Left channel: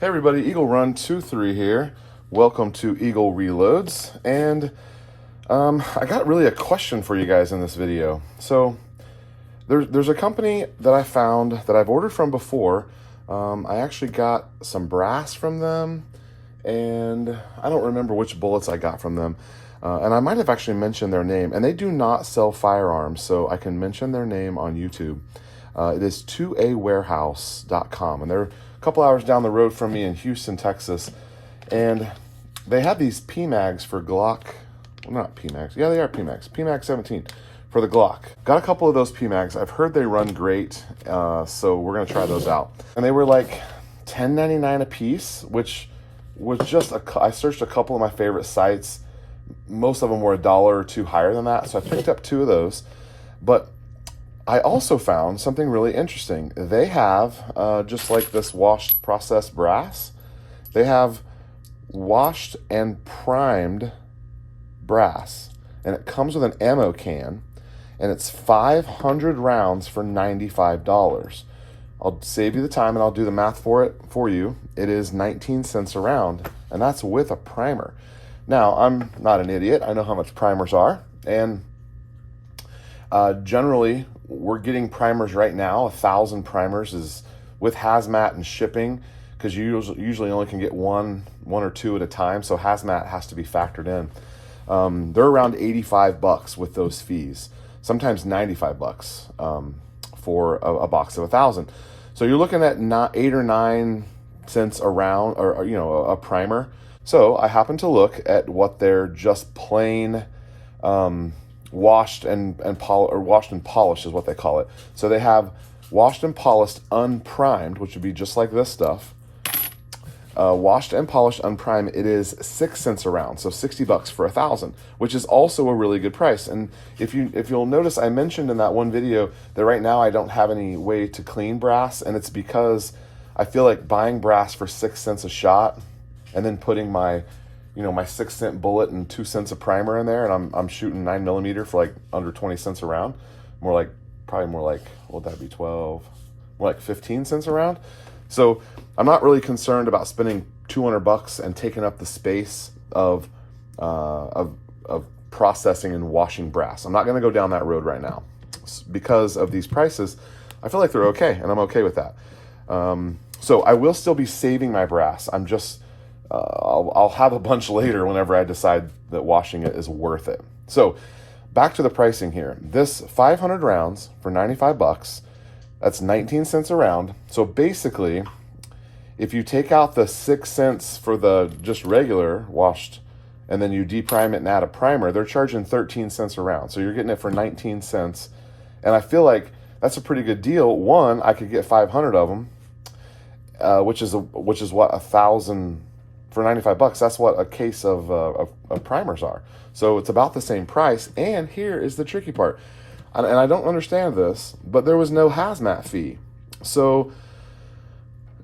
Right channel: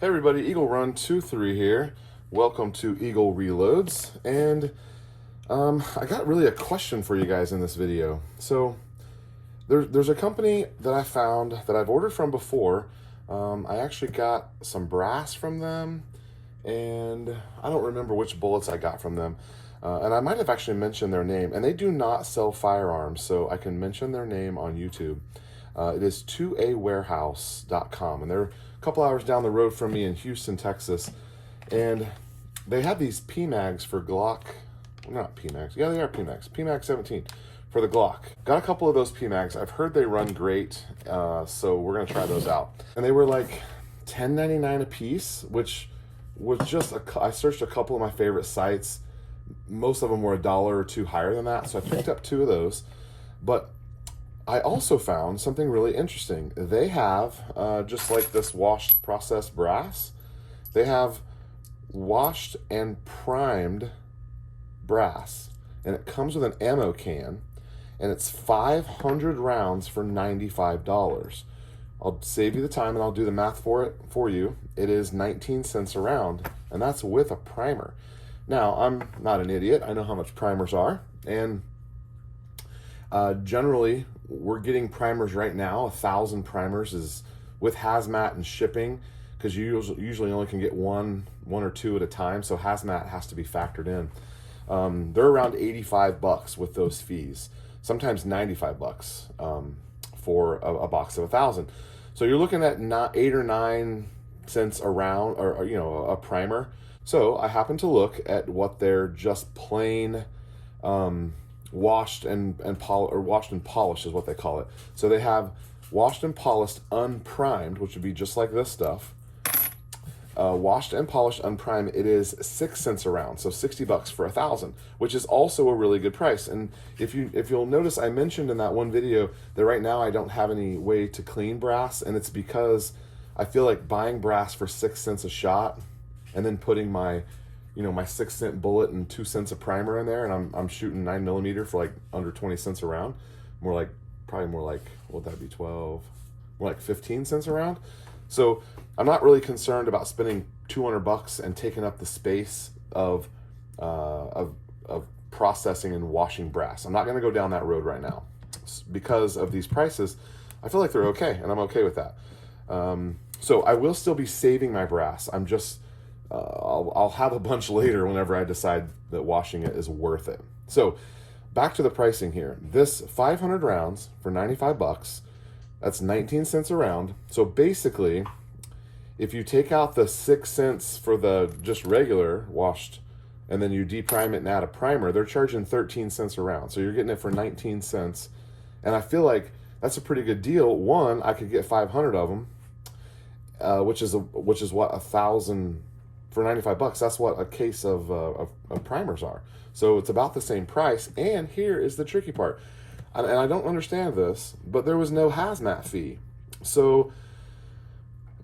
Hey everybody, Eagle Run 23 here. Welcome to Eagle Reloads, and I got really a question for you guys in this video. So there's a company that I found that I've ordered from before. I actually got some brass from them, and I don't remember which bullets I got from them. And I might have actually mentioned their name, and they do not sell firearms, so I can mention their name on YouTube. It is 2awarehouse.com, and they're a couple hours down the road from me in Houston, Texas, and they had these PMags for Glock. Well, not PMags. Yeah, they are PMags. PMag 17 for the Glock. Got a couple of those PMags. I've heard they run great, so we're gonna try those out. And they were like $10.99 a piece, which was just I searched a couple of my favorite sites. Most of them were $1 or $2 higher than that, so I picked up 2 of those. But I also found something really interesting. They have, just like this washed processed brass, they have washed and primed brass. And it comes with an ammo can, and it's 500 rounds for $95. I'll save you the time and I'll do the math for you. It is 19 cents a round, and that's with a primer. Now, I'm not an idiot. I know how much primers are, and generally, we're getting primers right now. 1,000 primers is with hazmat and shipping, because you usually only can get one or two at a time, so hazmat has to be factored in. They're around $85 with those fees, sometimes $95 for a box of 1,000. So you're looking at not 8 or 9 cents a round, or a primer. So I happened to look at what their just plain washed and polished is what they call it. So they have washed and polished unprimed, which would be just like this stuff. Washed and polished unprimed, it is 6 cents a round, so $60 for 1,000, which is also a really good price. And if you'll notice, I mentioned in that one video that right now I don't have any way to clean brass, and it's because I feel like buying brass for 6 cents a shot and then putting my my 6-cent bullet and 2 cents of primer in there, and I'm shooting 9mm for like under 20 cents a round. Probably more like, what would that be, 12, more like 15 cents a round. So I'm not really concerned about spending $200 and taking up the space of processing and washing brass. I'm not going to go down that road right now because of these prices. I feel like they're okay, and I'm okay with that. So I will still be saving my brass. I'm just I'll have a bunch later whenever I decide that washing it is worth it. So back to the pricing here. This 500 rounds for $95, that's 19 cents a round. So basically, if you take out the 6 cents for the just regular washed, and then you deprime it and add a primer, they're charging 13 cents a round. So you're getting it for 19 cents. And I feel like that's a pretty good deal. One, I could get 500 of them, which is what 1,000 for $95. That's what a case of primers are. So it's about the same price. And here is the tricky part, and I don't understand this, but there was no hazmat fee. So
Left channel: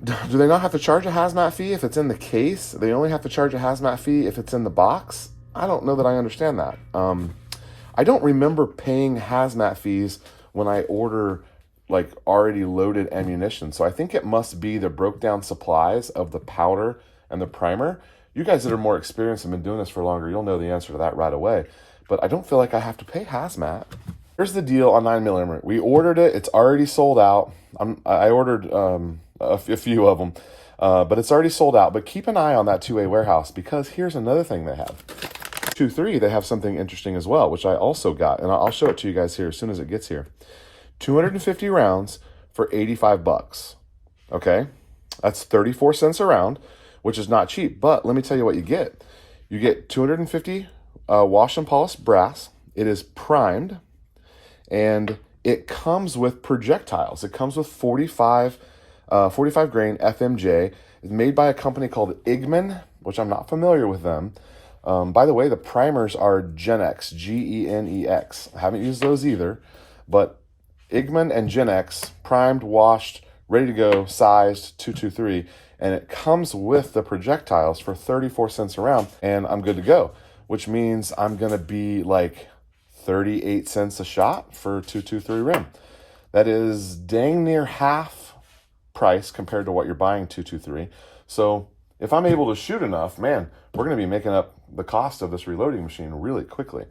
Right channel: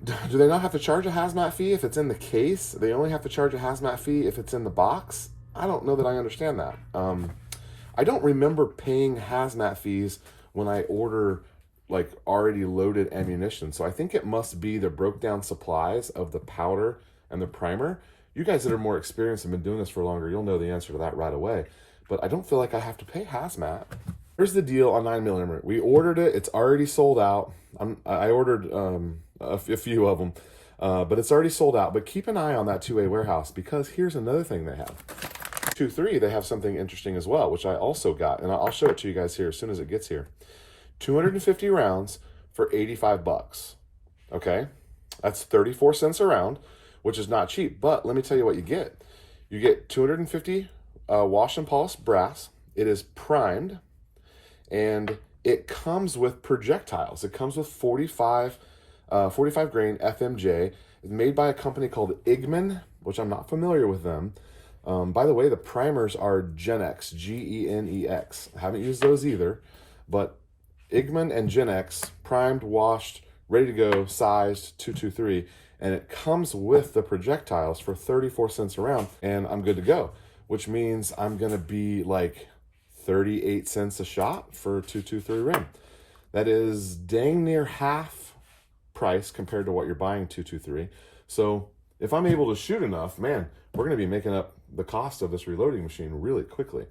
do they not have to charge a hazmat fee if it's in the case? They only have to charge a hazmat fee if it's in the box? I don't know that I understand that. I don't remember paying hazmat fees when I order like already loaded ammunition. So I think it must be the broke down supplies of the powder and the primer. You guys that are more experienced and been doing this for longer, you'll know the answer to that right away. But I don't feel like I have to pay hazmat. Here's the deal on 9mm. We ordered it. It's already sold out. I ordered a few of them, but it's already sold out. But keep an eye on that 2A warehouse, because here's another thing they have. 2-3, they have something interesting as well, which I also got, and I'll show it to you guys here as soon as it gets here. 250 rounds for $85. Okay, that's 34 cents a round, which is not cheap. But let me tell you what you get. You get 250 washed and polished brass. It is primed, and it comes with projectiles. It comes with 45 grain FMJ. It's made by a company called Igman, which I'm not familiar with them. By the way, the primers are Genex, Genex. I haven't used those either, but Igman and Genex, primed, washed, ready to go, sized 223. And it comes with the projectiles for 34 cents a round, and I'm good to go, which means I'm gonna be like 38 cents a shot for 223 rim. That is dang near half price compared to what you're buying 223. So if I'm able to shoot enough, man, we're going to be making up the cost of this reloading machine really quickly,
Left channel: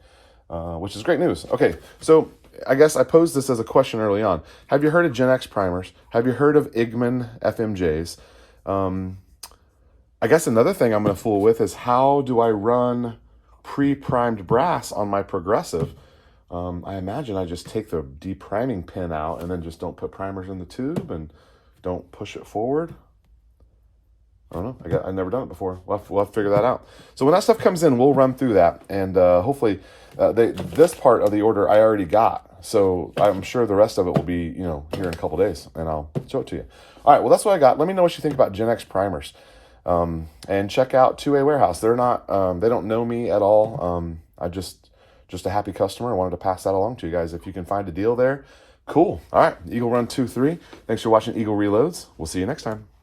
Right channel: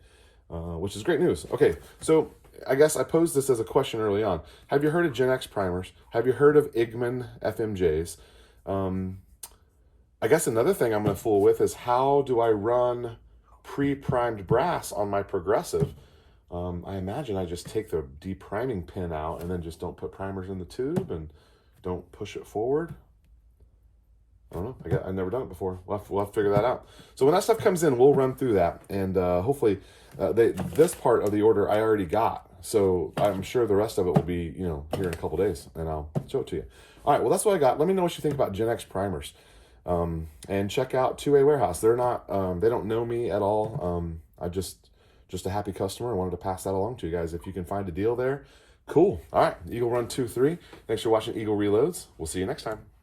which is great news. Okay, so I guess I posed this as a question early on. Have you heard of genex primers? Have you heard of Igman FMJs? I guess another thing I'm going to fool with is, how do I run pre-primed brass on my progressive? I imagine I just take the depriming pin out and then just don't put primers in the tube and don't push it forward. I don't know. I've never done it before. We'll have to figure that out. So when that stuff comes in, we'll run through that, and hopefully this part of the order I already got. So I'm sure the rest of it will be, here in a couple days, and I'll show it to you. All right, well, that's what I got. Let me know what you think about genex primers. And check out 2A Warehouse. They're not, they don't know me at all. I just a happy customer. I wanted to pass that along to you guys. If you can find a deal there, cool. All right, Eagle Run 2-3. Thanks for watching Eagle Reloads. We'll see you next time.